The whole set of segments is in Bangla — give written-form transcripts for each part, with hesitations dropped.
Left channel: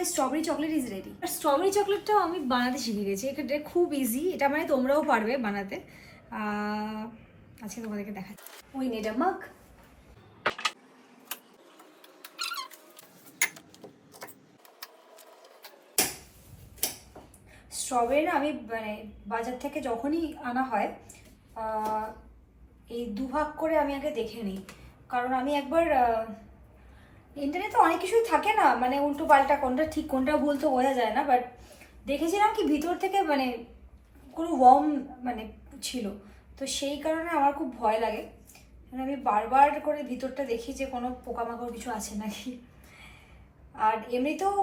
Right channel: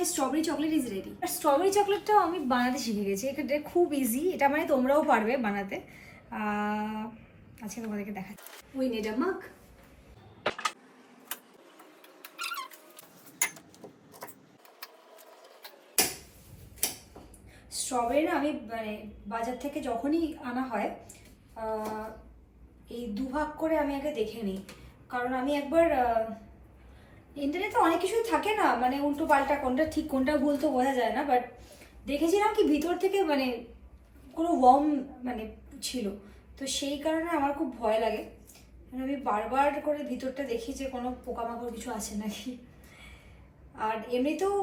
My strawberry chocolate is ready. আর স্ট্রবেরি চকলেটটাও আমি বানাতে শিখে গেছি, এটা খুব ইজি, এটা মানে তোমরাও পারবে বানাতে। আজকে তোমাদেরকে দেখাচ্ছি। উই নিড আ মাগ। স্ট্রবেরি না আমি মানে বাজার থেকে যখনই আনা হয় এই দুভাগ করে আমি আগে দেখে নিই, কারণ আমি একবার ইন্টারনেটে অনেক কিছুই থাকে না, মানে উল্টো পাল্টা, কোনটা ঠিক কোনটা ভুল তো বোঝা যায় না, বাট দেখেছিলাম কি ভিতর থেকে মানে কোনো ওয়ার্ম মানে ছিল, তো সেই কারণে আমার খুব ভয় লাগে। আমি বারবার করে ভিতরটা দেখি যে কোনো পোকামাকড় কিছু আছে নাকি। আর এমনিতেও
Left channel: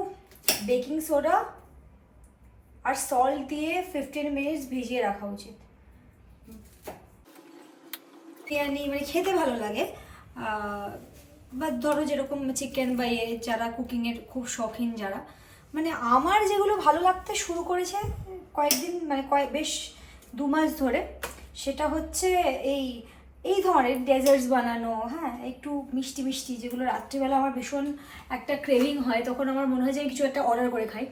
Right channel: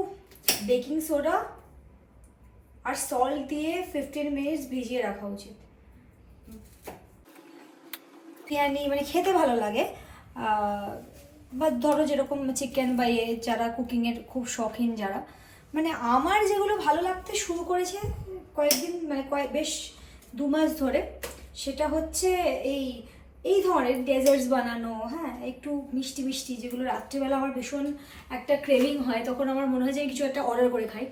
বেকিং সোডা আর সল্ট দিয়ে 15 মিনিটস ভিজিয়ে রাখা উচিত। বিরিয়ানি মানে খেতে ভালো লাগে, বা ধরো যেরকম চিকেন বা যারা কুকিংয়ের খুব শখিন যারা, মানে আমার যেগুলো ভালো লাগতে শুরু করেছে কয়েকদিন মানে বেশ 2 মাস ধরে, সেটা হচ্ছে এই ধরনের ডেজার্টস বানানো, হ্যাঁ একটু মিষ্টি মিষ্টি, যেগুলো রাত্রিবেলা আমার ভীষণ একটা ক্রেভিং হয়, তখন আমার মনে হয় যে কিছু একটা অর্ডার করে খাই।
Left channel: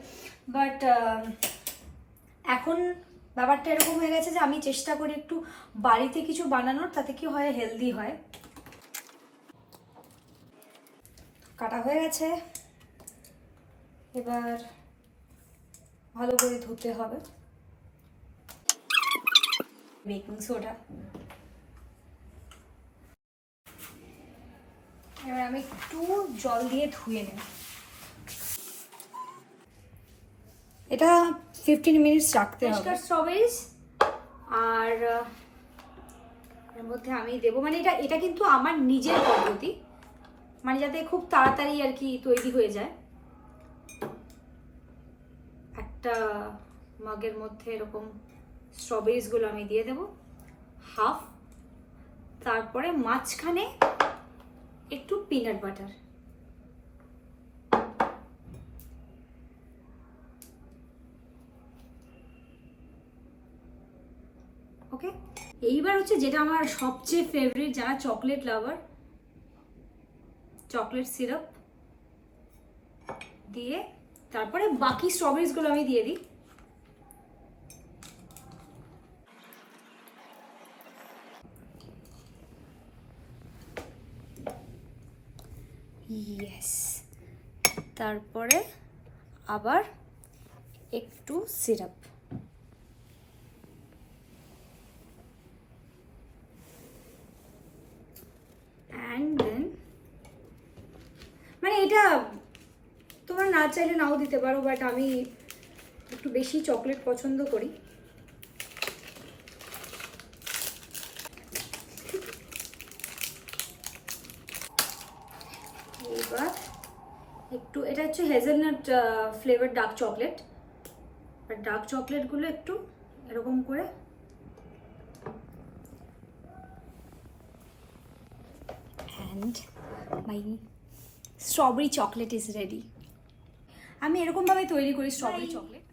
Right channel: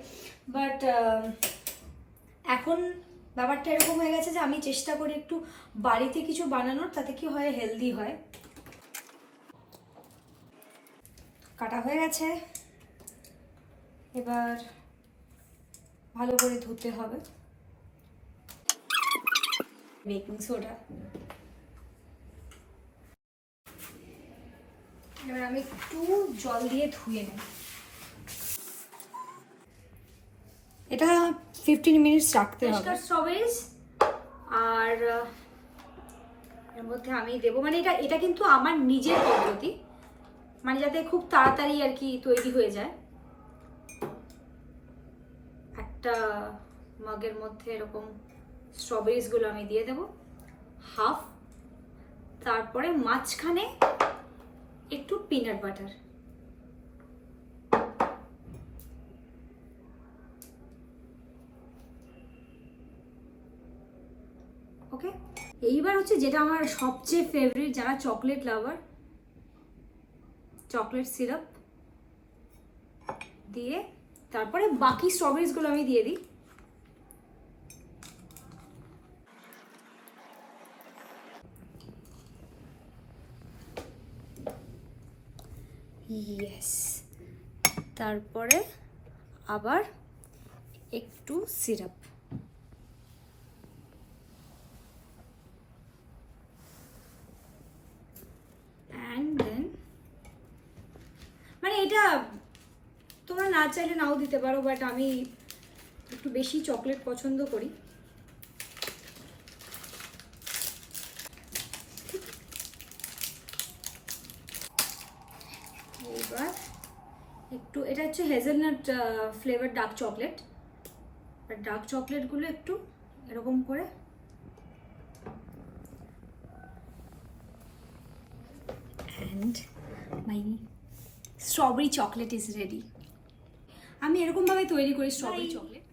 বাট এখন ব্যাপারটা এরকম হয়ে গেছে যে আমি চেষ্টা করি একটু বাড়িতে কিছু বানানোর, তাতে কি হয় হেলদি হয়। কাটা হয়ে গেছে, এবার ভালো করে ধুতে হবে। বেকিং সোডা, এবার আমি একটু জল দিয়ে ধুয়ে নেব। এটা 15 মিনিটস রাখতে হবে। স্ট্রবেরিজ আর এর মধ্যে আমি দেবো, মানে এটা কিন্তু আমার নিজের পদ্ধতি, মানে যাতে খুব তাড়াতাড়ি আর কি তৈরি হয়ে যায়। একটা মাগের মধ্যে এরকম স্ট্রবেরিজগুলো আমি দিয়ে দেবো হাফ, তারপরে মাঝখানে একটু পিনাট বাটার। ওকে, এইবার হচ্ছে যেটা আমার সবচেয়ে ফেভারিট, যারা চকলেট লাভার, চকলেট সিরাপ দিয়ে তারপরে বাকি স্ট্রবেরিজগুলো আমি দিয়ে দিই। ইয়েস, তারপরে আবার একটু সিরাপ। অ্যান্ড দেন মানে এটা তোমরা না চাইলে নাও দিতে পারো, বাট আমি একটু বেশি চকলেট পছন্দ করি। এবার একটু, এটা হচ্ছে হেজেলনাট ফ্লেভার ডার্ক চকলেট, আর ডার্ক চকলেটগুলো একটু এরকম করে and my strawberry chocolate is ready. আমি এরকমভাবে তৈরি করি স্ট্রবেরি চকলেট।